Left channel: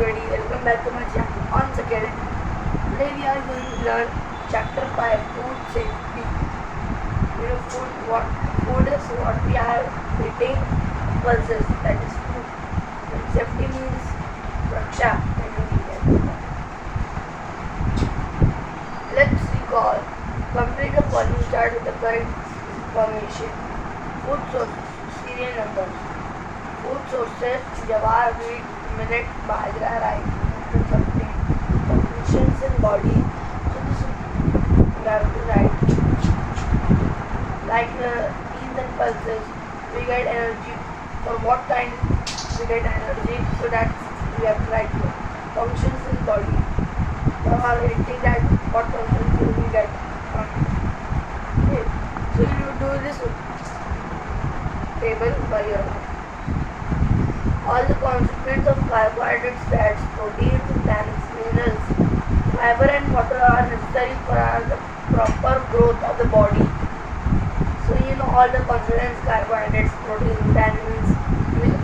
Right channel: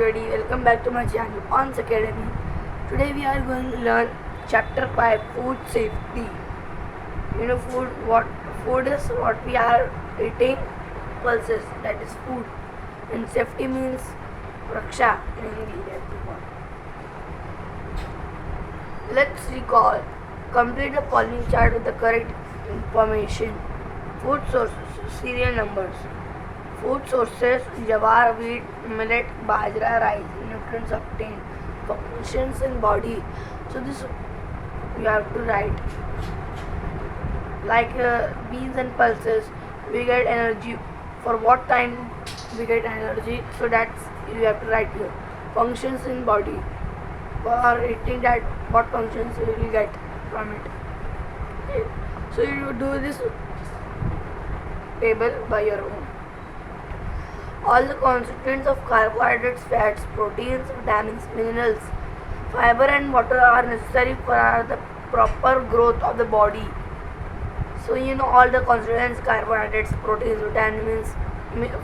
everybody, welcome back to my channel Auns Academy. Today we are going to learn chapter 5 food safety. Food is what we are eating, pulses, that is food, and safety means raksha in Indian. Let's recall, complete the following chart with the correct information. Food sources, serial numbers. Food sources: jawar, wheat, millet, bajra, rice. Nutrients obtained, functions in body. So this you have to write. Like beans and pulses, we get energy. For what kind we get energy? So that's you have to write here. Functions in body. For eating that, what functions will we get from it? Okay. So you do this table by your own. All the constituents of carbohydrates, fats, proteins, vitamins, minerals, fiber and water are necessary for the proper growth of the body. So all the constituents, carbohydrates, proteins, vitamins,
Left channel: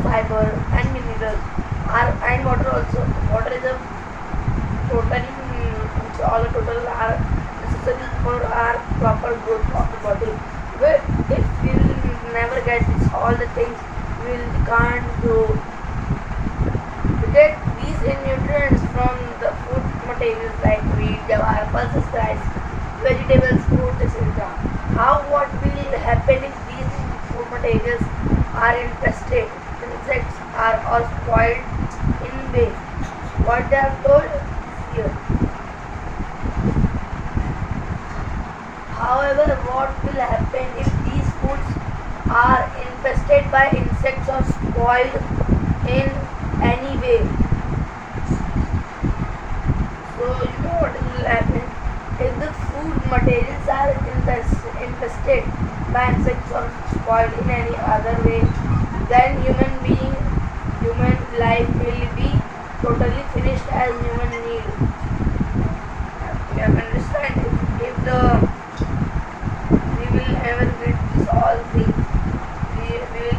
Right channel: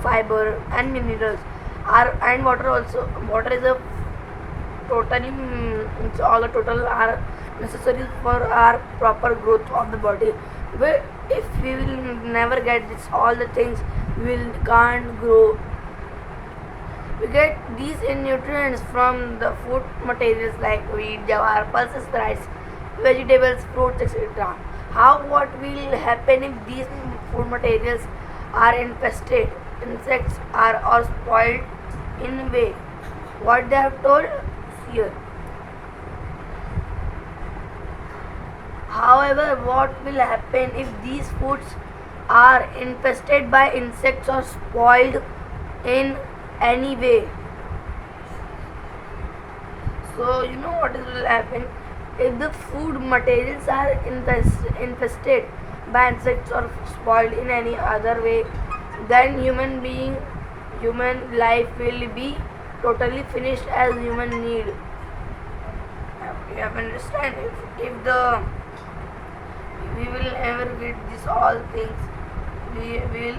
fiber and minerals are, and water also. Water is a totally, all the total are necessary for our proper growth of the body. But if we will never get this, all the things, we can't grow. We get these nutrients from the food materials like wheat, jawar, pulses, rice, vegetables, fruits, etc. What will happen if these food materials are infested? Insects are or spoiled in a way. What they have told here. However, what will happen if these foods are infested by insects or spoiled in any way? So what will happen if the food materials are infested by insects or spoiled in any other way? Then human life will be totally finished as human need. You understand? If we will never get this all things, we will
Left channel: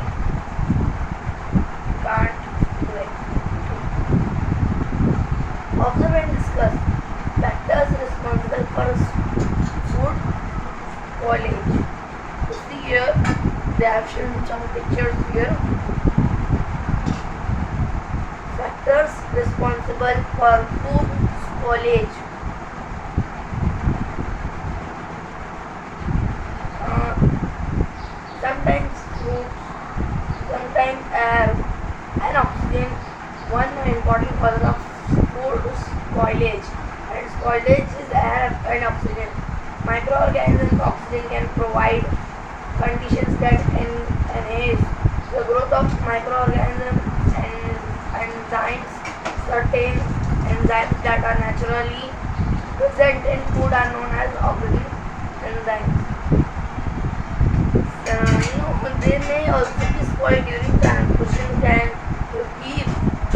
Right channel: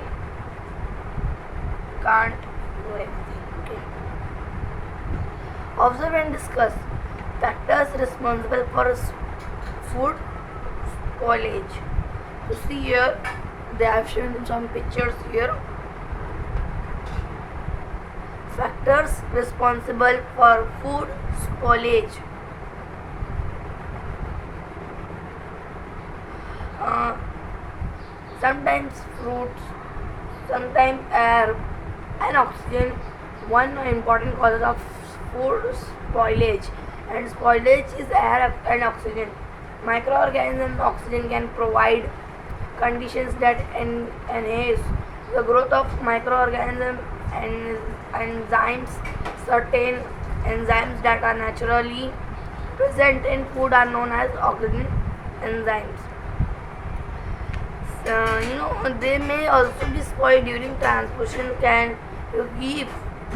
can't do it. Observe and discuss factors responsible for food spoilage. You see here, they have shown some pictures here. Factors responsible for food spoilage. Sometimes fruits, sometimes air and oxygen. One important cause of food spoilage, and spoilage is air and oxygen. Microorganisms, oxygen can provide conditions that enhance the growth of microorganisms and enzymes. Certain enzymes that are naturally present in food are known as oxygen enzymes. They may also be spoiled during transportation. Can you give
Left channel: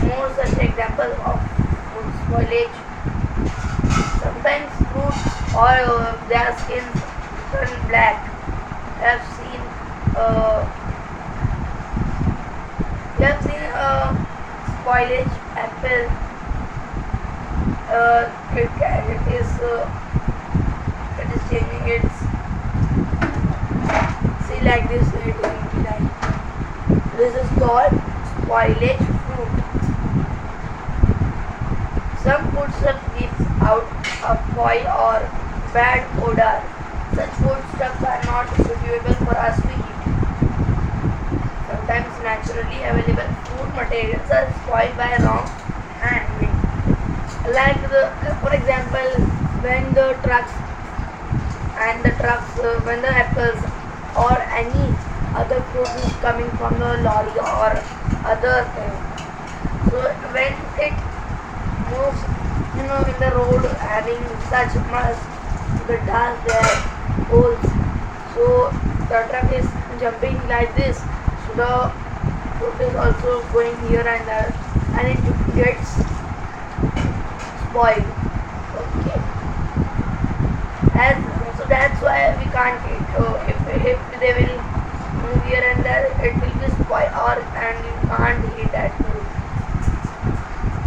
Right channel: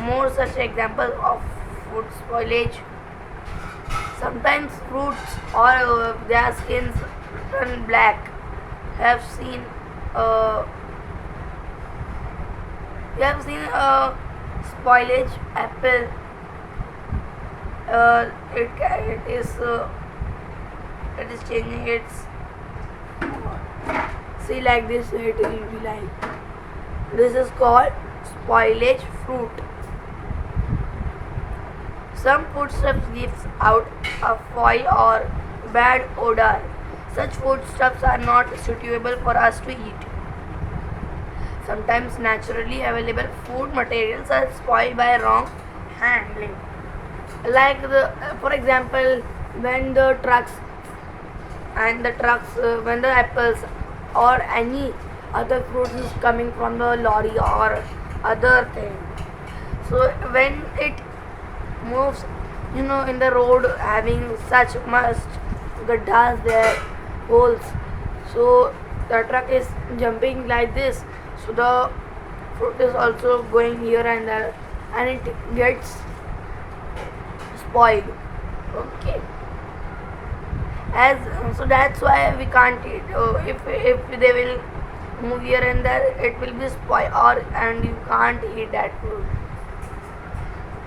more such examples of food spoilage? Sometimes fruits or their skins turn black. Have seen spoilage apple. It is changing its. See, like this, it is line. This is called spoilage fruit. Some foodstuffs leaves out a foul or bad odor. Such foodstuffs are not suitable for us to eat. Sometimes naturally available food materials are spoiled by wrong handling. Like for example, when the trucks when the apples or any other fruit is coming from the lorry or other thing. So when it moves, in the road having such much gaddhas there, holes. So the truck is jumping like this. So the fruit is also going here and there, and it gets spoiled. Okay. So that's why we can't eat. If they will move here and there, it will be spoiled, and you can't eat that food.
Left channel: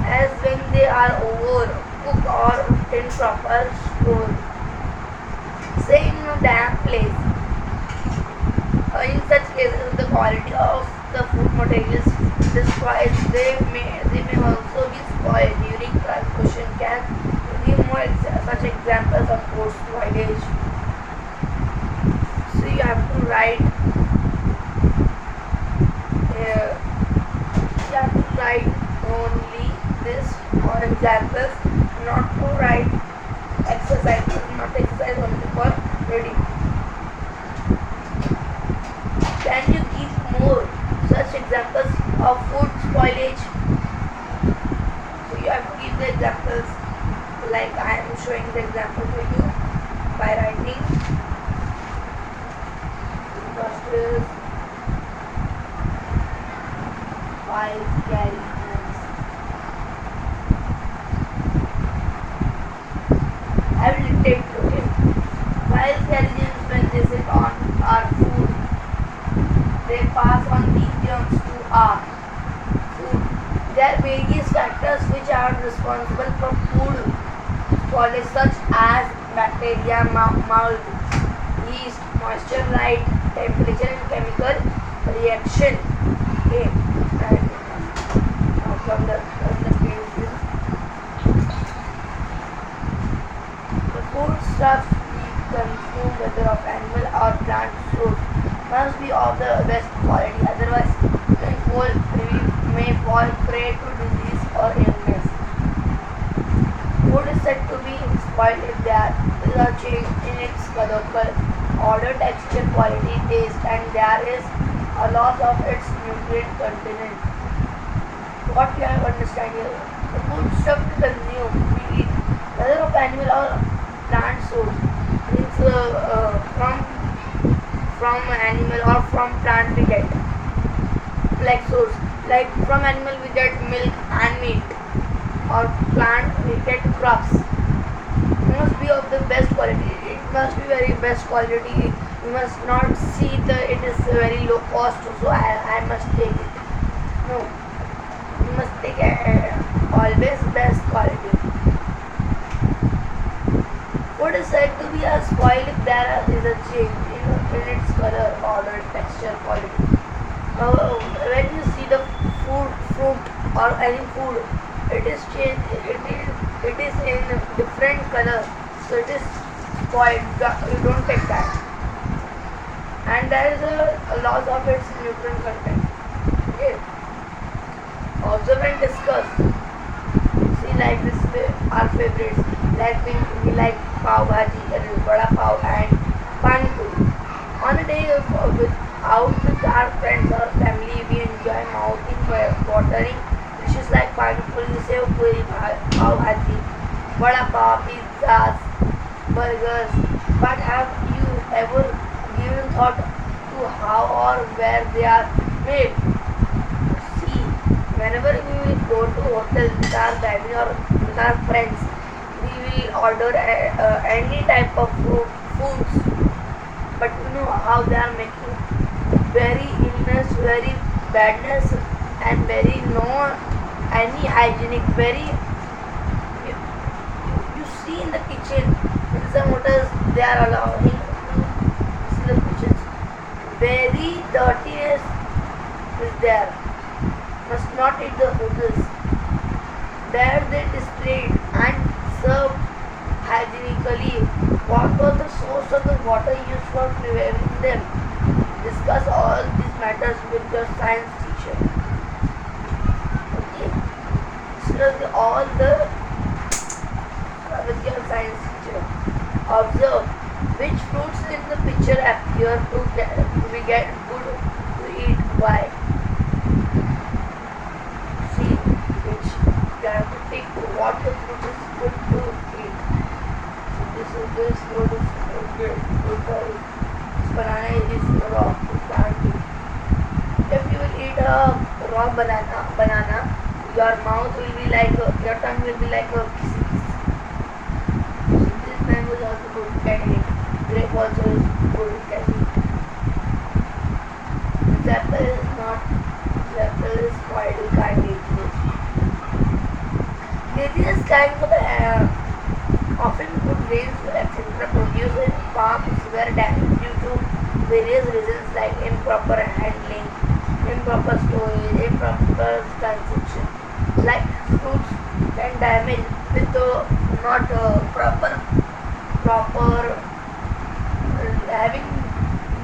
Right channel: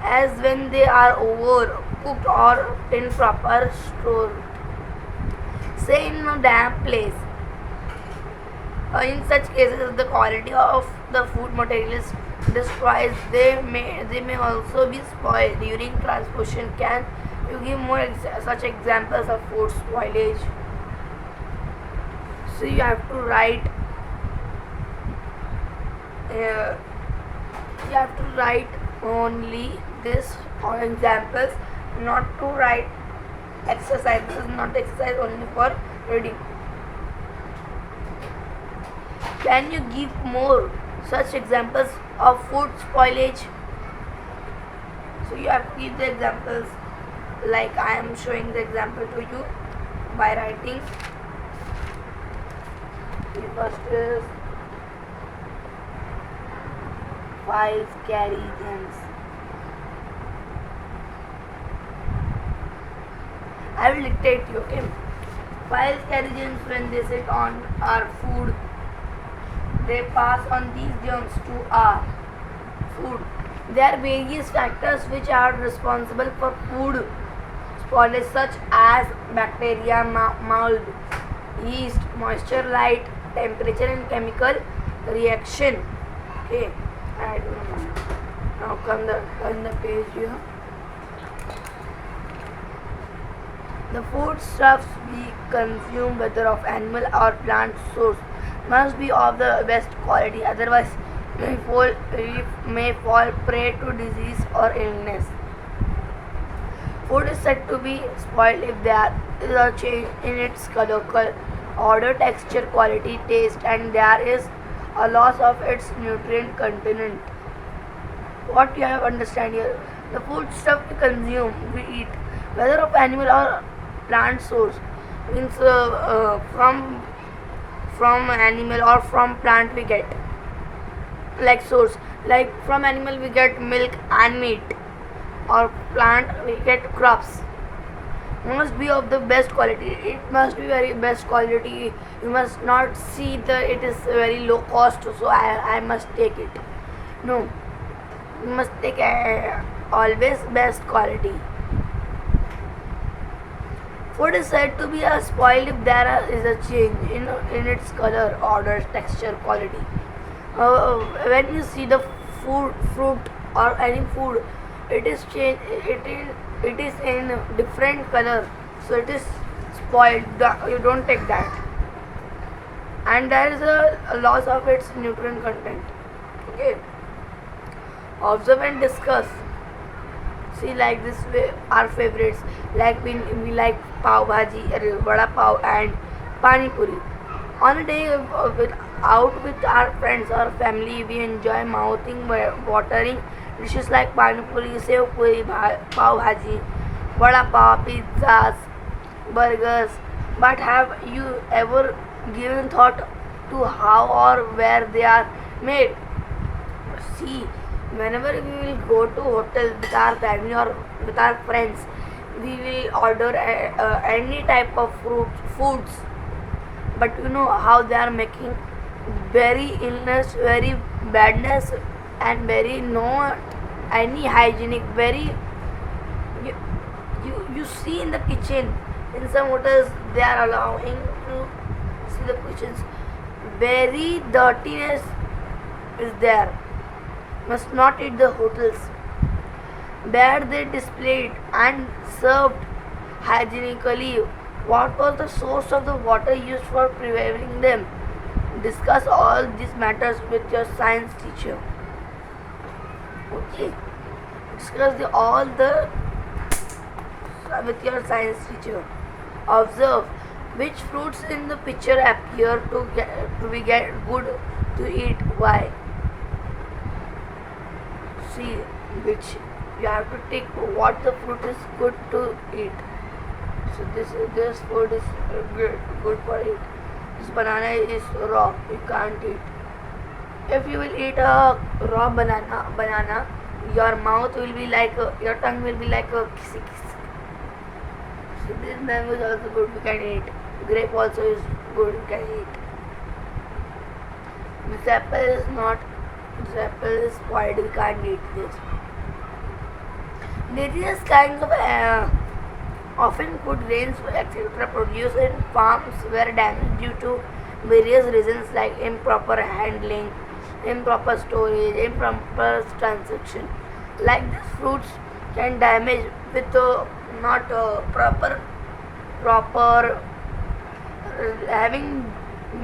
As as when they are overcooked or improper stored. Say in a damp place. In such cases, the quality of the food materials destroys. They may also be spoiled during transportation. Can you give more such examples of food spoilage? So you have to write. You have to write only this examples, not to write exercises. Not exercise only for reading. Can you give more such examples of food spoilage? So you have to give the examples like I am showing the example to you by writing. First is 5 carriages. I will dictate you, okay? 5 carriages when they sit on our food, they pass on these germs to our food. There are various factors which are responsible for food spoilage such as bacteria, mold, yeast, moisture, light, temperature and chemical reaction. Okay, and now come the page here. The foodstuffs we consume, whether of animal or plant source, must be of the best quality, otherwise we may fall prey to disease or illness. Food is said to be spoiled if there is a change in its color, odor, texture, quality, taste, and there is a loss of its nutrient content. What you have understand here? The food stuff we consume, we eat, whether of animal or plant source, means from animal or from plant we get, like source, like from animal we get milk and meat, or plant we get crops. It must be of the best quality. It must be very best quality. You must not see it is very low cost, so I must take it. No, you must take always best quality. Food is said to be spoiled if there is a change in its color, odor, texture, quality. When you see the fruit or any food, it is changed. It is in different color, so it is spoiled. You don't take that, and there is a loss of its nutrient content. Okay. Observe and discuss. See, like this, our favorites. Like we like pav bhaji, vada pav, and pani puri. On a day out with our friends or family, we enjoy mouthing watering dishes like pani puri, sev puri, pav bhaji, vada pav, pizzas, burgers. But have you ever given thought to how or where they are made? See, whenever we will go to hotel with our family or with our friends, we will order any type of foods, but you know how they are making very illness, very badness, and very no any hygienic. Very you see in the kitchen, in some hotels they are allowing to see the kitchens. Very dirtiness is there. Must not eat the hotels. There they displayed and served hygienically. What was the source of the water used for preparing them? Discuss all these matters with your science teacher. Okay. Discuss all the with your science teacher. Observe which fruits in the picture appear to be good to eat. Why? See which you have to take what the fruit is good to eat. So this food is good for you. This banana is raw. You can't eat. If you will eat a raw banana, your mouth will be like your tongue will be like a kissy kiss. So this mango is also good. You can eat. Grape also is good. You can eat. This apple is not. This apple is spoiled. You can't eat this. Various kinds of often food grains etc. produced in farms were damaged due to various reasons like improper handling, improper storage, improper transaction. Like fruits can damage with not proper having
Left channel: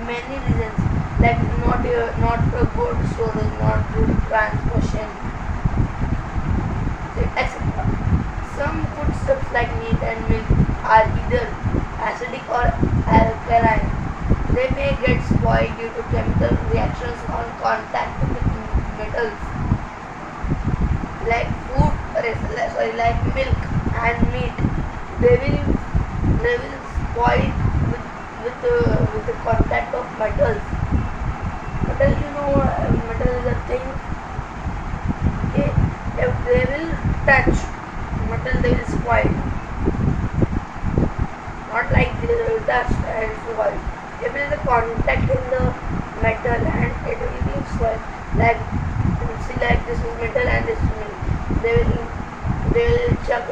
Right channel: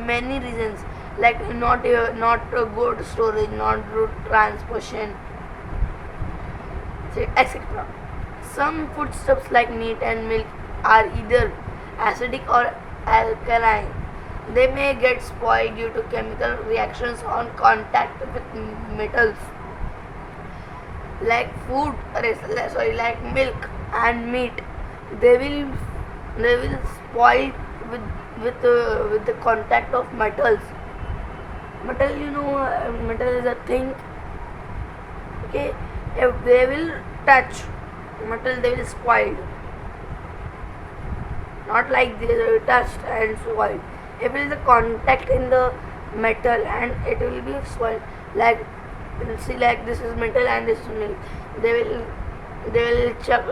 many reasons like not good storage, not good transportation, etc. Some foodstuffs like meat and milk are either acidic or alkaline. They may get spoiled due to chemical reactions on contact with metals. Like like milk and meat, they will they will spoil with the contact of metals. Metal, metal is a thing. Okay, if they will touch metal, they will spoil. Not like the dust and spoil. If there is a contact in the metal and it will be spoiled. Like see, like this is metal and this is milk. They will chuck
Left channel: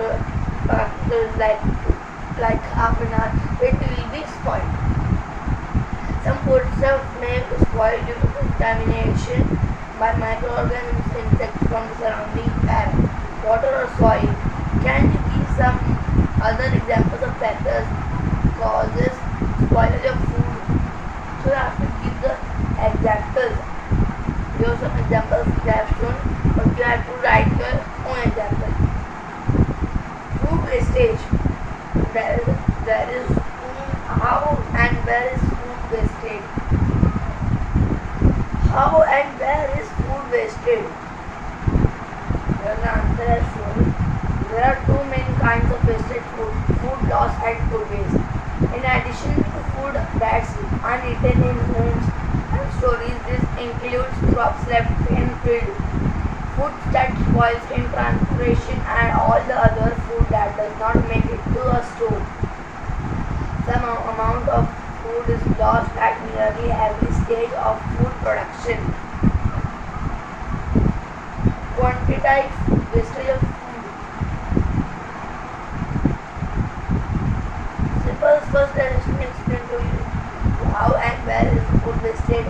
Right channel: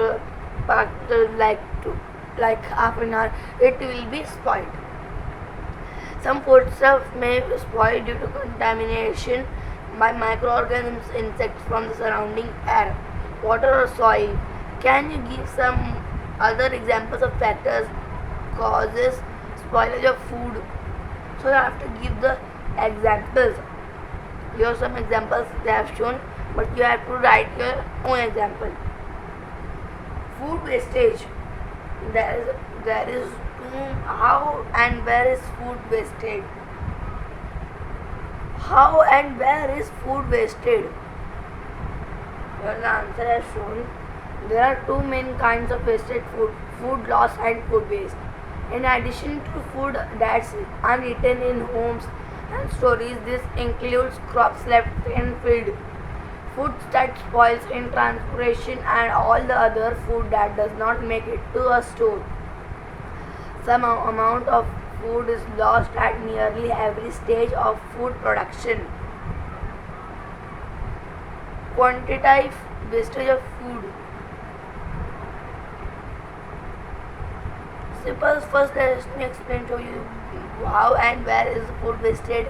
after like half an hour. It will be spoiled. Some foodstuff may spoil due to contamination by microorganisms, insects from the surrounding air, water or soil. Can you give some other examples of factors causes spoilage of food? So you have to give the examples. Here are some examples they have shown, but you have to write your own example. Food wastage. There is how and where is food wasted? How and where is food wasted? The answer is shown. There are two main kinds of wasted food: food loss and food waste. In addition to food that's uneaten in homes and stories, this includes crops left in field, food that spoils in transportation, and all the other food that does not make it to a store. Some amount of food is lost at nearly every stage of food production. Quantitative wastage of food. Simple first let me explain to you how and where is food wasted.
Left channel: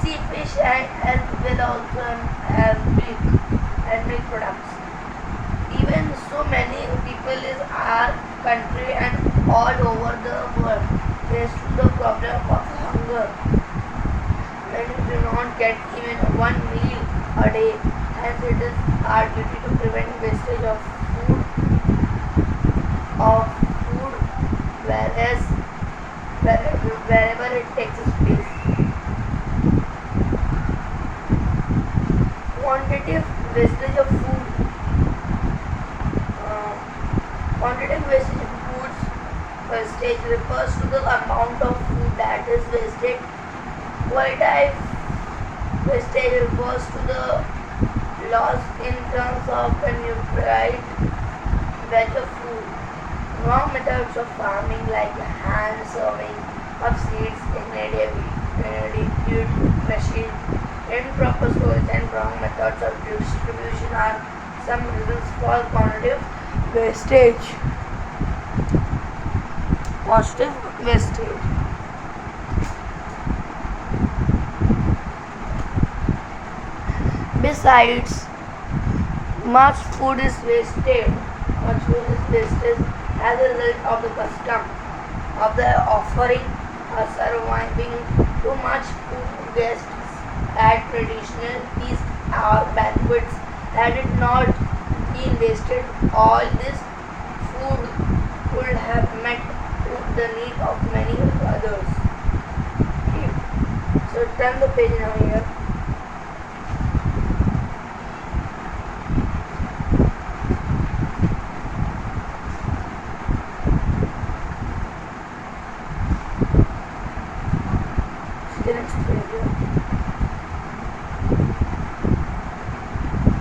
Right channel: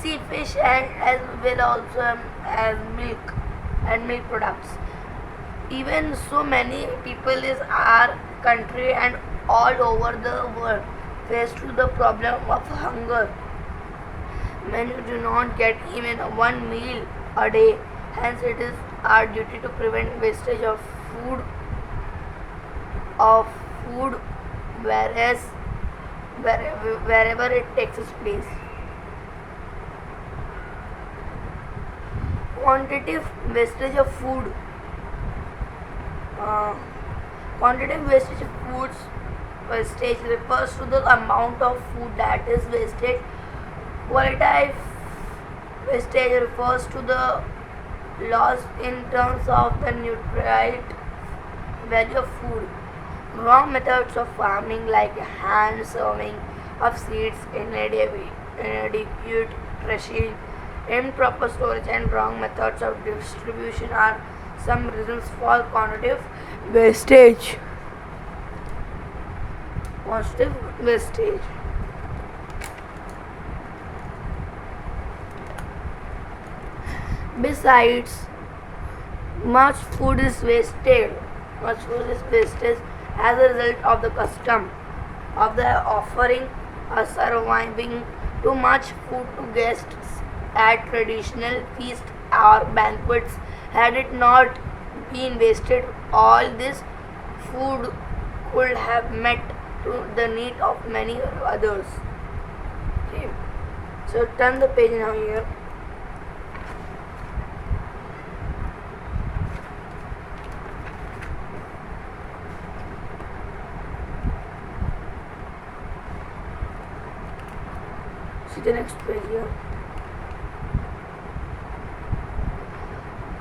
See fish and as well also as milk and milk products. Even so many people in our country and all over the world face to the problem of hunger. Many do not get even one meal a day, hence it is our duty to prevent wastage of food wherever it takes its place. Quantitative wastage of food. Quantitative wastage of foods wastage refers to the amount of food that is wasted. Qualitative wastage refers to the loss in terms of the nutrient value of food. Wrong methods of farming like hand sowing of seeds, inadequate crushing, improper storage and wrong methods of distribution are some reasons for quantitative wastage. Positive wastage. Besides, much food is wasted. Much food is wasted as a result of the custom of the offering or serving too much food to guests at traditional feasts or banquets. Had it not been wasted, all this food would have met to the need of many others. Okay. So turn the page now here. See the next page here.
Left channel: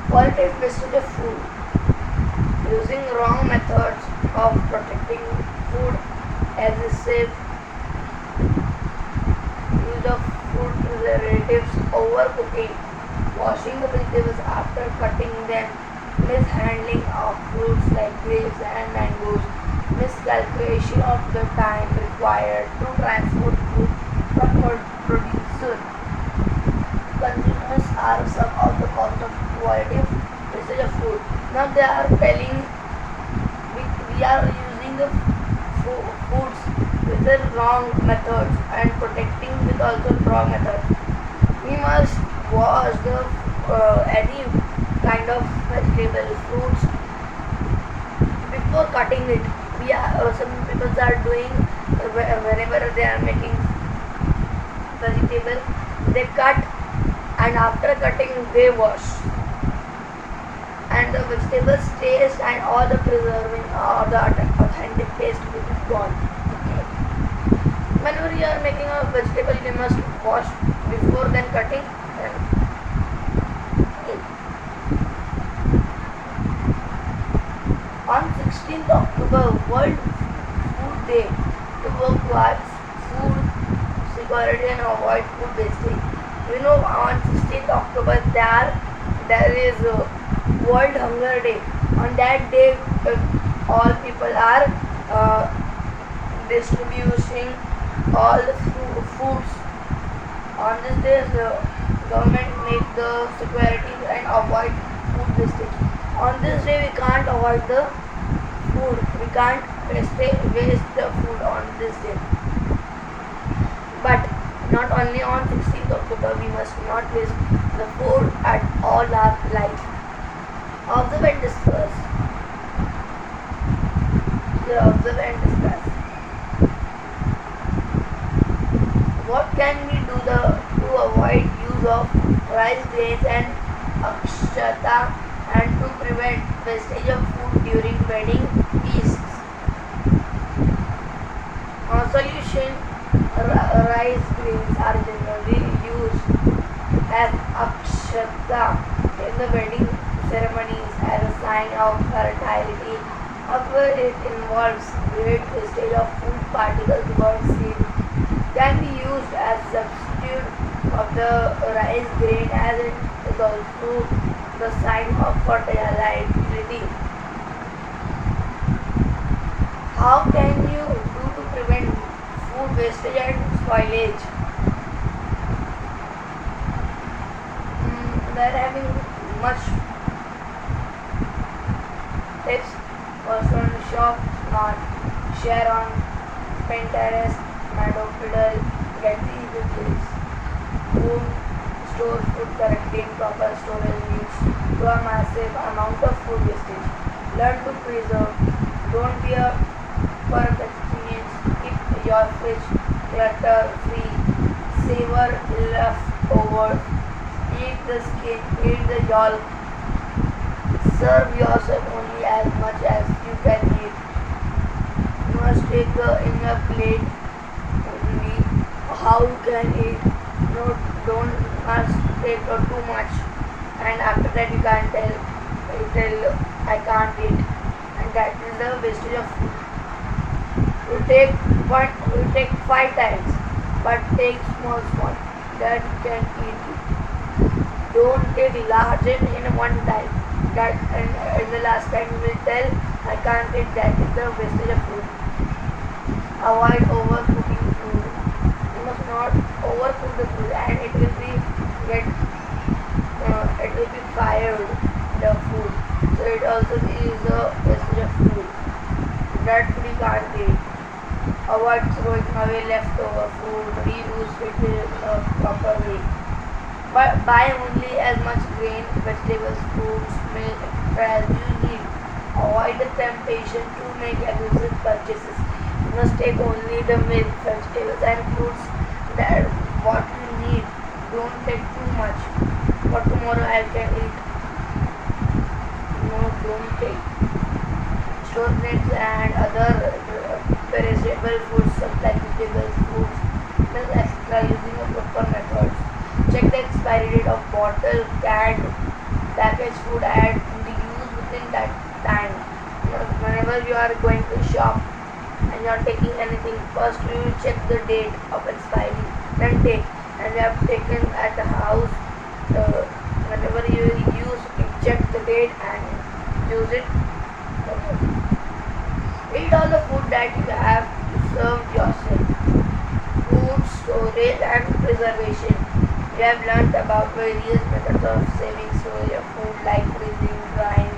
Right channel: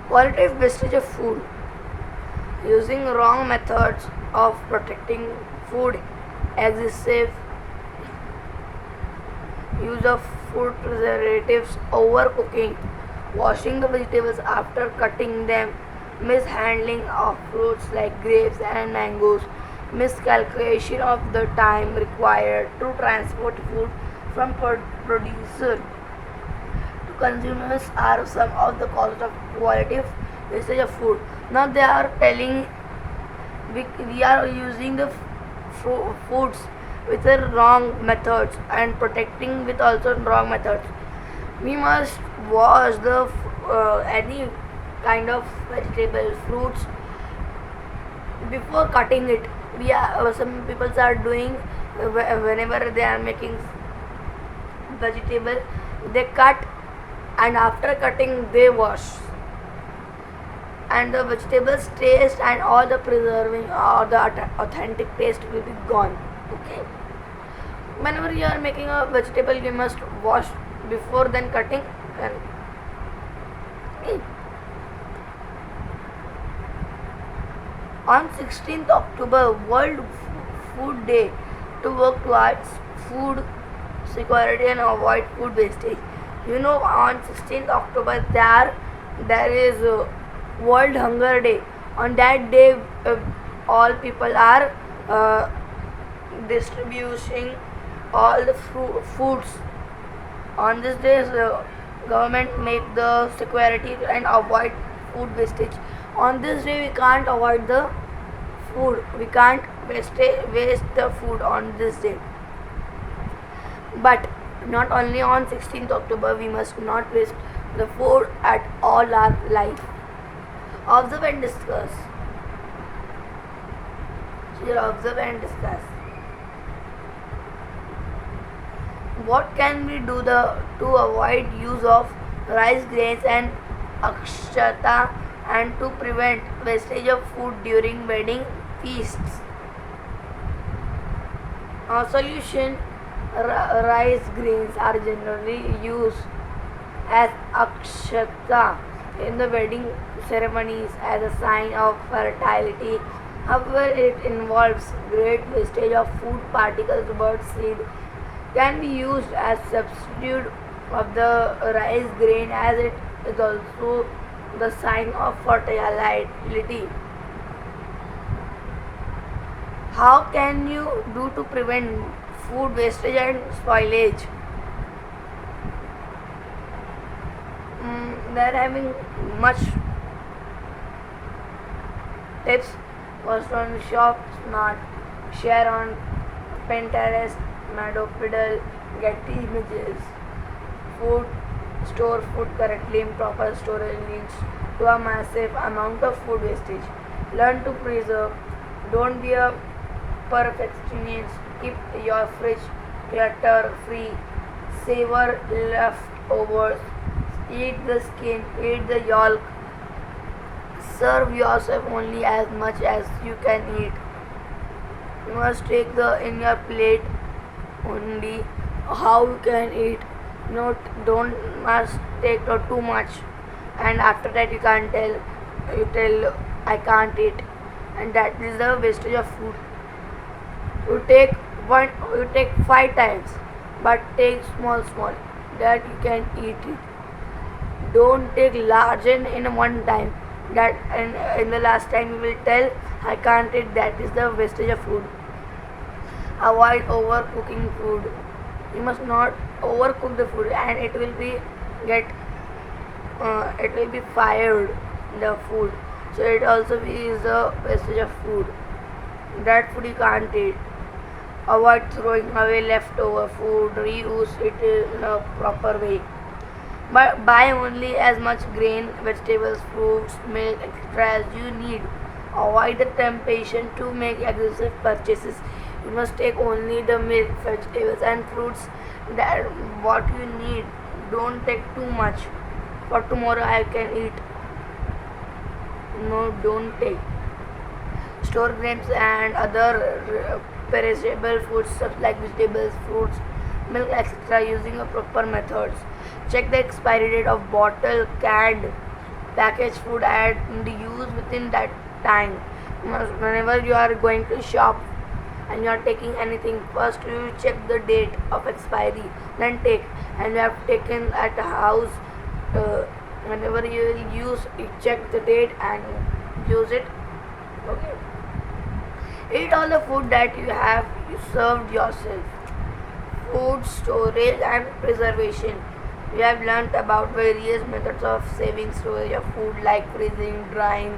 Qualitative wastage of food. Using wrong methods of protecting food, excessive use of food preservatives, overcooking, washing the vegetables after cutting them, mishandling of fruits like grapes and mangoes, miscalculation of the time required to transport food from producer to consumers are some of the cost of quality of wastage of food. Now they are telling we are using the foods with the wrong methods and protecting with also wrong methods. We must wash the any kind of vegetable fruits before cutting it. We are, some people are doing whenever they are making vegetable, they cut and after cutting they wash, and the vegetables taste and all the preserving or the authentic taste will be gone. Okay. Whenever you are making a vegetable, you must wash before then cutting. Then okay. On 16th October, World Food Day, to work towards food security and avoid food wastage. You know, on 16th October there is World Hunger Day. On that day, all people are distributing all the foods. On this day, the government make the security and avoid food wastage. On this day, we can't avoid the food. We can't waste the food on this day. But not only on 16th October, we must not waste the food at all our life. Observe and discuss. Here, observe and discuss. What can we do to avoid use of rice grains and akshata and to prevent wastage of food during wedding feasts? Solution: rice grains are generally used as akshata in the wedding ceremonies as a sign of fertility. However, it involves great wastage of food particles. Bird seed can be used as substitute of the rice grain as it is also the sign of fertility. How can you do to prevent food wastage and spoilage? They are having much tips. First on shop smart, share on Pinterest, Madopiddle, get the images. Food, store food correctly in proper storage means to a massive amount of food wastage. Learn to preserve. Don't be a perfectionist. Keep your fridge clutter free. Savor leftovers. Eat the skin. Eat the yolk. Serve yourself only as much as you can eat. You must take the in your plate only how you can eat. Don't must take too much, and after that you tell I can't eat, and that is the wastage of food. You take 5 times, but take small that you can eat it. Don't take large in one time. That and in the last time you will tell I can't eat. That is the wastage of food. Avoid overcooking food. You must not overcook the food, and it will be fired the food. So it also is a wastage of food. That food you can't eat. Avoid throwing away leftover food. Reuse it in a proper way. But buy only as much grain, vegetables, fruits, milk, etc. as you need. Avoid the temptation to make excessive purchases. You must take only the milk, vegetables and fruits that what you need. Don't take too much. For tomorrow I can eat. No, don't take. Store grapes and other perishable foods like vegetables, fruits, milk, etc. using a proper methods. Check the expiry date of bottle, canned, packaged food and use within that time. Whenever you are going to shop and you are taking anything, first you will check the date of expiry, then take. And you have taken at the house, whenever you will use, you check the date and use it. Okay. Eat all the food that you served yourself. Food storage and preservation. We have learned about various methods of saving storage of food like freezing, drying,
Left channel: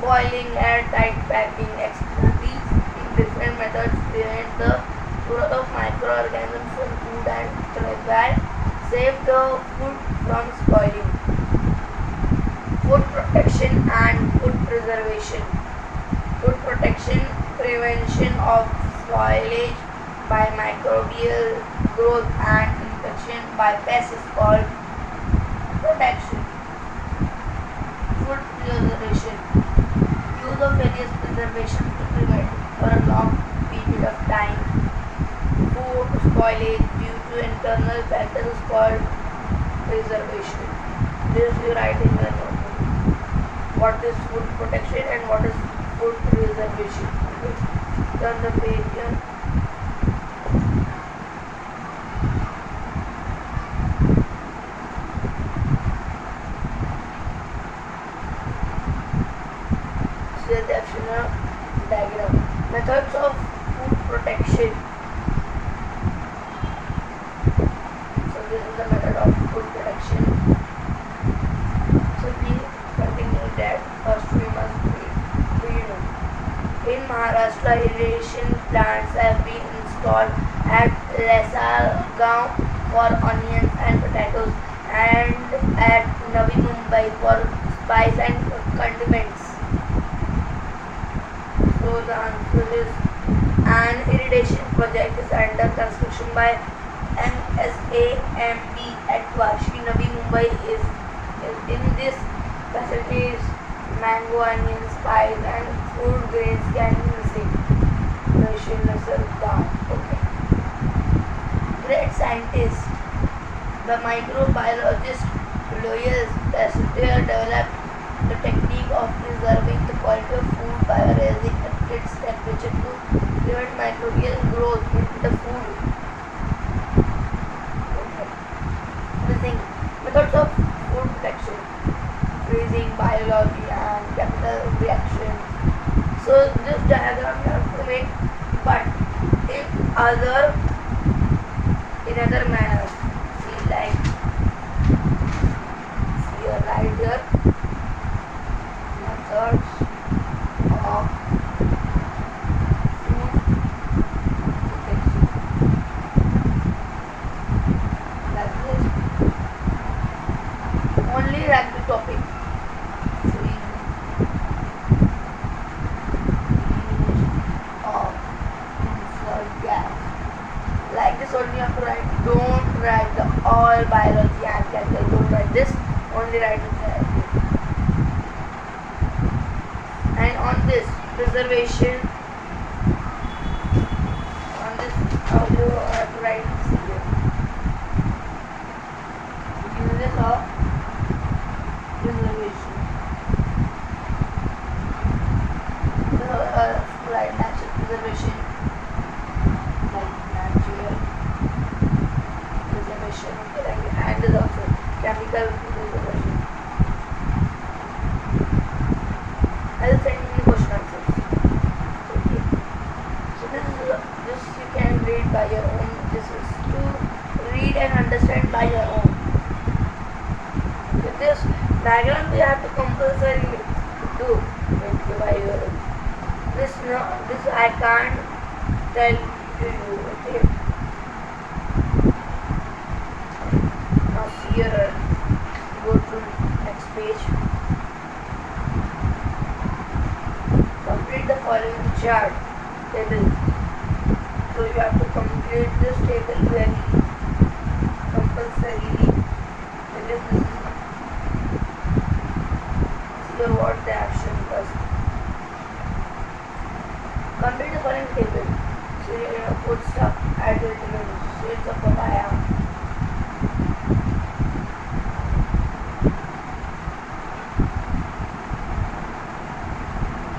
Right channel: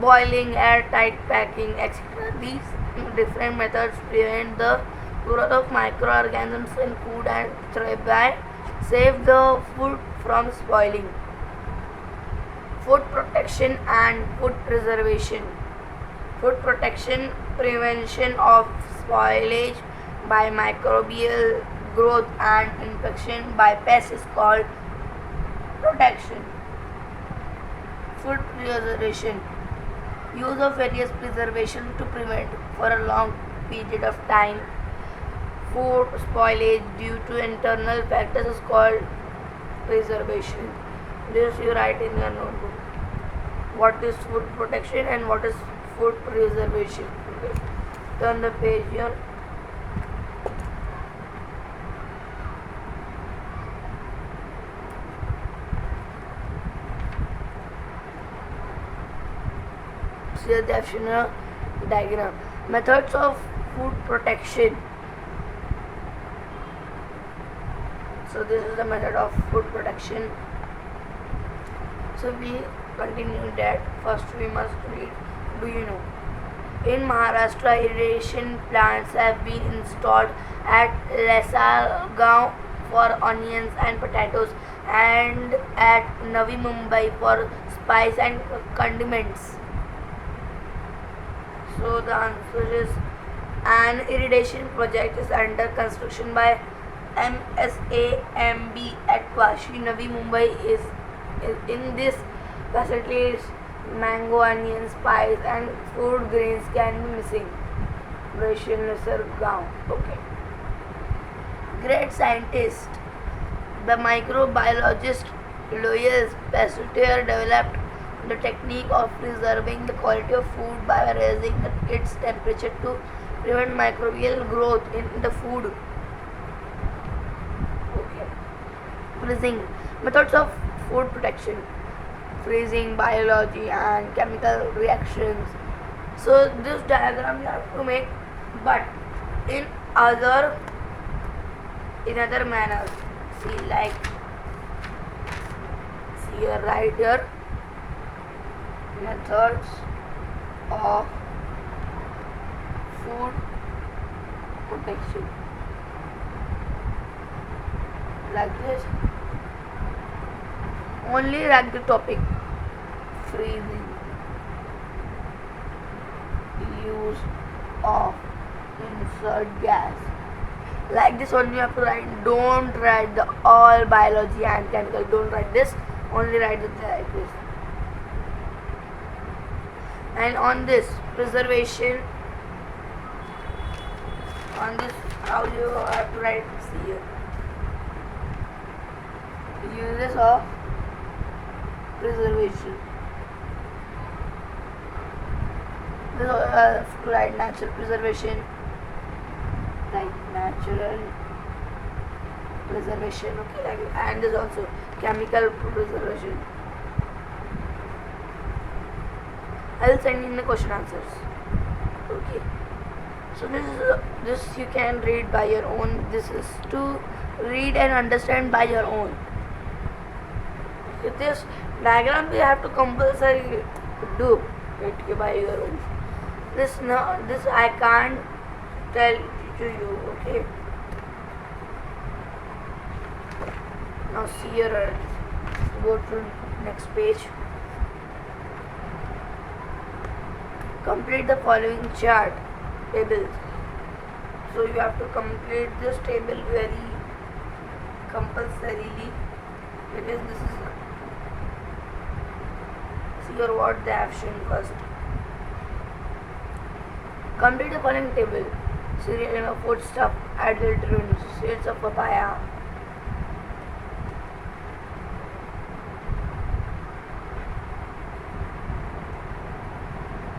boiling, airtight packing, etc. These different methods prevent the growth of microorganisms in food and thereby save the food from spoiling. Food protection and food preservation. Food protection, prevention of spoilage by microbial growth and infection by pests is called protection. Food preservation. Use of various preservation to prevent for a long period of time food spoilage due to internal factors is called preservation. This you write in your notebook. What is food protection and what is food preservation. Okay. Turn the page here. See the action diagram. Methods of food protection. So this is the method of food protection. So we continue that. First we must begin. In Maharashtra, irrigation plants have been installed at Lesalgaon for onions and potatoes and at Navi Mumbai for spice and condiments. So the answer is an irrigation project is under construction by MSAMB at Vashi, Navi Mumbai. Is in this facilities mango, onion, spice and food grains can be missing. Okay. Great scientist. The microbiologist Louis Pasteur developed the technique of preserving the quality of food by raising its temperature to prevent microbial growth in the food. Okay. Freezing. Methods of food protection. Freezing, biology and chemical reactions. So this diagram you have to make, but in other manner. See, like here, right here, methods of food protection. Like this. Only write the topic. Freezing. Use of insert gas. Like this only you have to write. Don't write the all biology and chemical. Don't write this. Only write it like this. And on this preservation, on this how you have to write. See here. Uses of preservation. Right, natural preservation. Like natural preservation. Okay, and is also chemical preservation. I'll send in the question answers. Okay. So this you can read by your own. This is to read and understand by your own. With this diagram we have to compulsory do it by your own. This I can't tell to you. Okay. Now see here. Go to next page. Complete the following chart table. So you have to complete this table very compulsorily. Because this is your what the action first. Complete the following table. Cereal and food stuff, add vitamins, shades of papaya.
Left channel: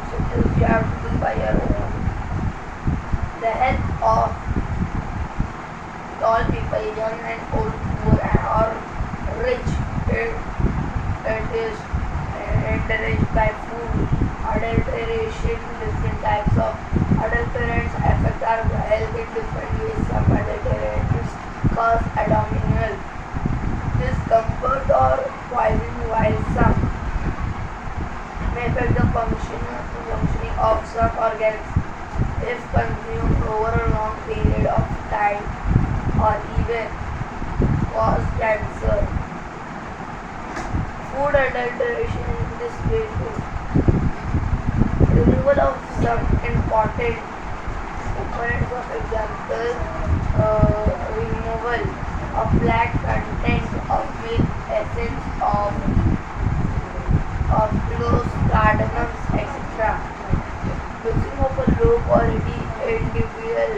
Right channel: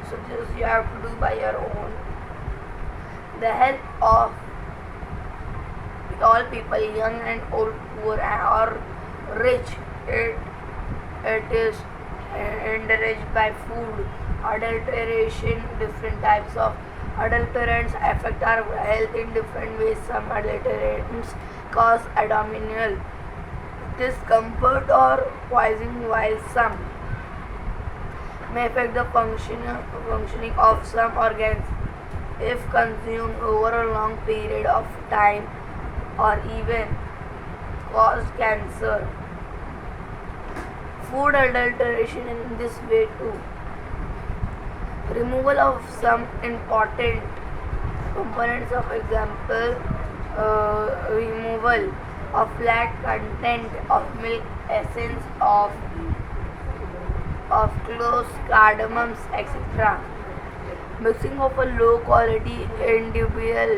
So this you have to do by your own. The help of all people, young and old, poor or rich, it is enriched by food. Adulteration, different types of adulterants affect our health in different ways. Some adulterants cause abdominal discomfort or poisoning, while some may affect the functioning of some organs if consumed over a long period of time or even cause cancer. Food adulteration in this way too. Removal of some important components, of example, removal of fat content of milk, essence of cloves, cardamoms, etc. Mixing of a low quality individual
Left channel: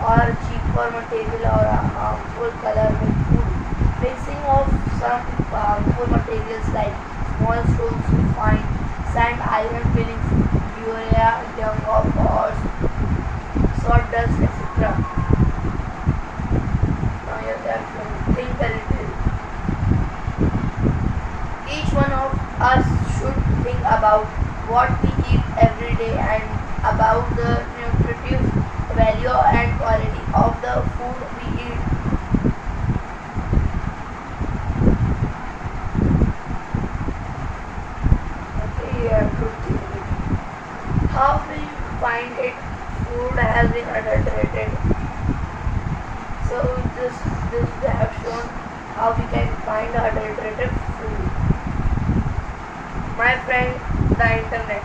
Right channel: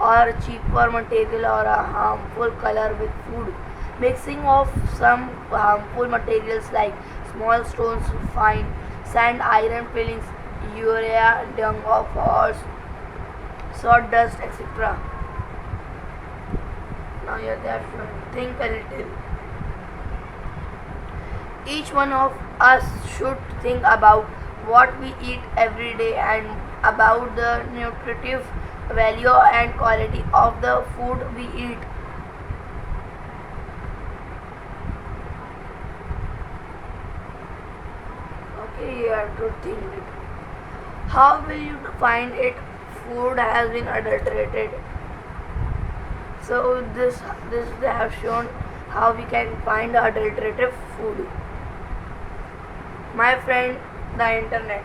or cheaper material or a harmful color with food. Mixing of some harmful materials like small stones, refined sand, iron fillings, urea, dung of horse, sawdust, etc. Now you have to think a little. Each one of us should think about what we eat every day and about the nutritive value and quality of the food we eat. Okay, you have to think. How will you find it food has been adulterated? So this they have shown how we can find adulterated food. My friend, the internet.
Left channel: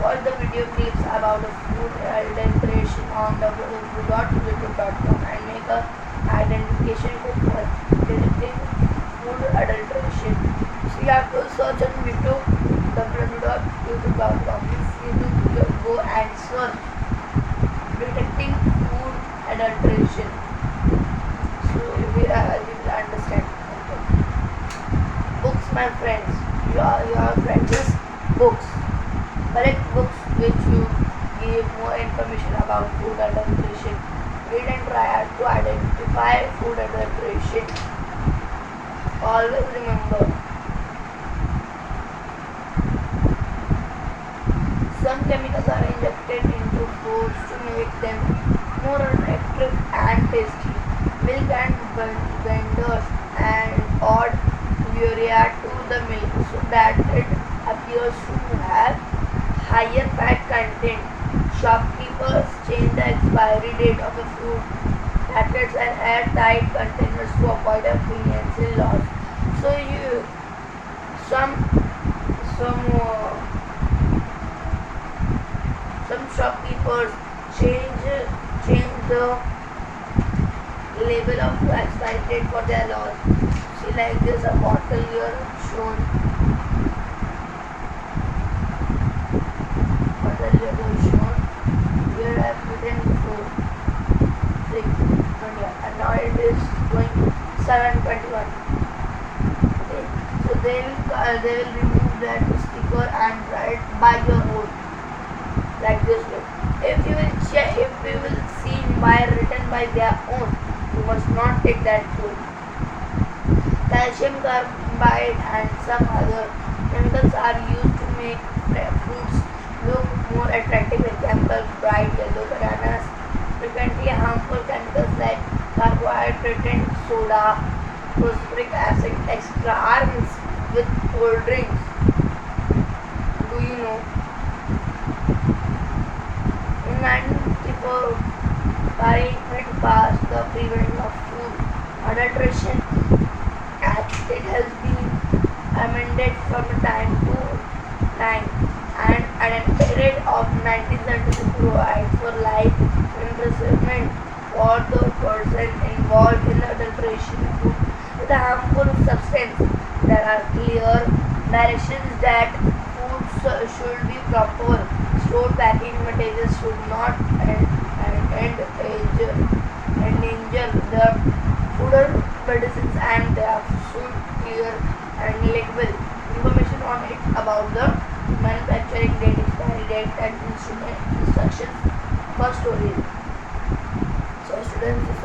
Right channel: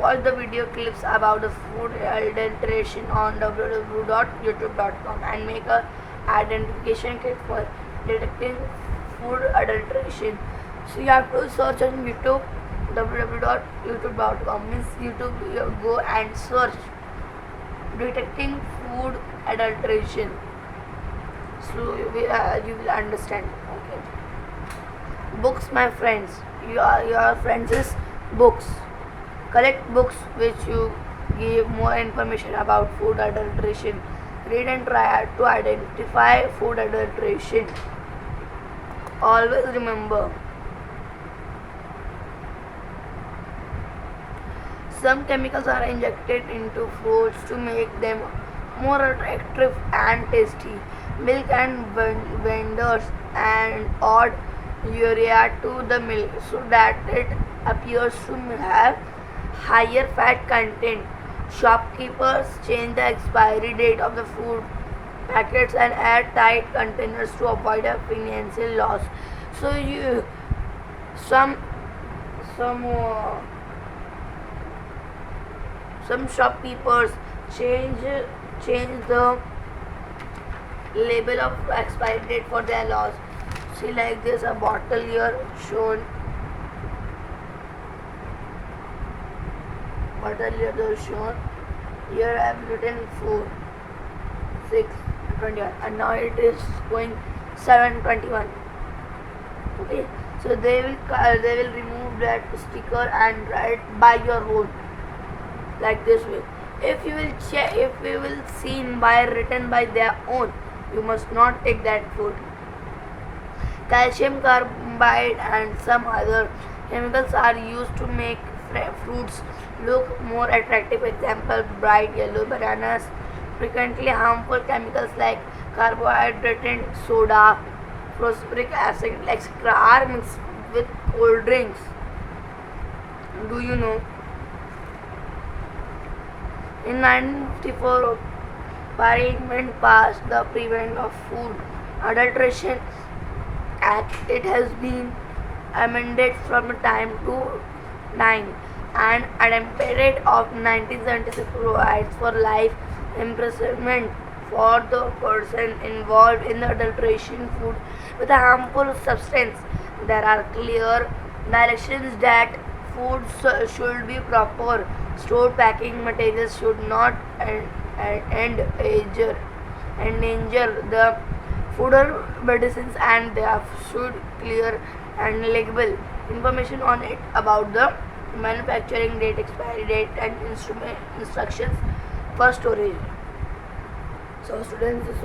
Watch the video clips about the food adulteration on www.youtube.com and make a identification kit for detecting food adulteration. So you have to search on YouTube www.youtube.com means YouTube you go and search detecting food adulteration. So you will understand. Books, my friends. Your friends' books. Collect books which you give more information about food adulteration. Read and try to identify food adulteration. Always remember, some chemicals are injected into foods to make them more attractive and tasty. Milk and vendors and add urea to the milk so that it appears to have higher fat content. Shopkeepers change the expiry date of the food packets and add tight containers to avoid a financial loss. So you some some uh, some shopkeepers change the label of expiry date for their loss. See, like this, a bottle here shown. Bottle here shown. Here I have written 4, 6, 21, and now it is going 7:21. Okay, so they will remove that sticker and write by your own, like this way. If you will see by written by their own, you must not take that food. Calcium carbide and some other chemicals are used to make fruits look more attractive. Example, bright yellow bananas. Frequently harmful chemicals like carbohydrate, soda, phosphoric acid, etc. are mixed with cold drinks. Do you know? In 1954, Parliament passed the Prevention of Food Adulteration Act. It has been amended from time to time, and an amendment of 1976 provides for life imprisonment for the person involved in the adulteration food with a harmful substance. There are clear directions that food should be proper stored. Packing materials should not endanger the food or medicines, and they should clear and label information on it about the manufacturing date, expiry date, and instructions for storage. So students,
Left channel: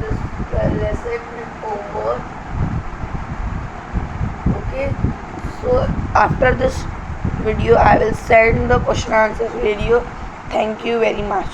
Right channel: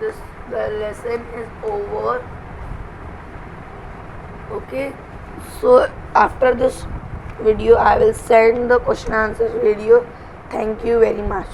this lesson is over. Okay, so after this video. I will send the question answer video. Thank you very much.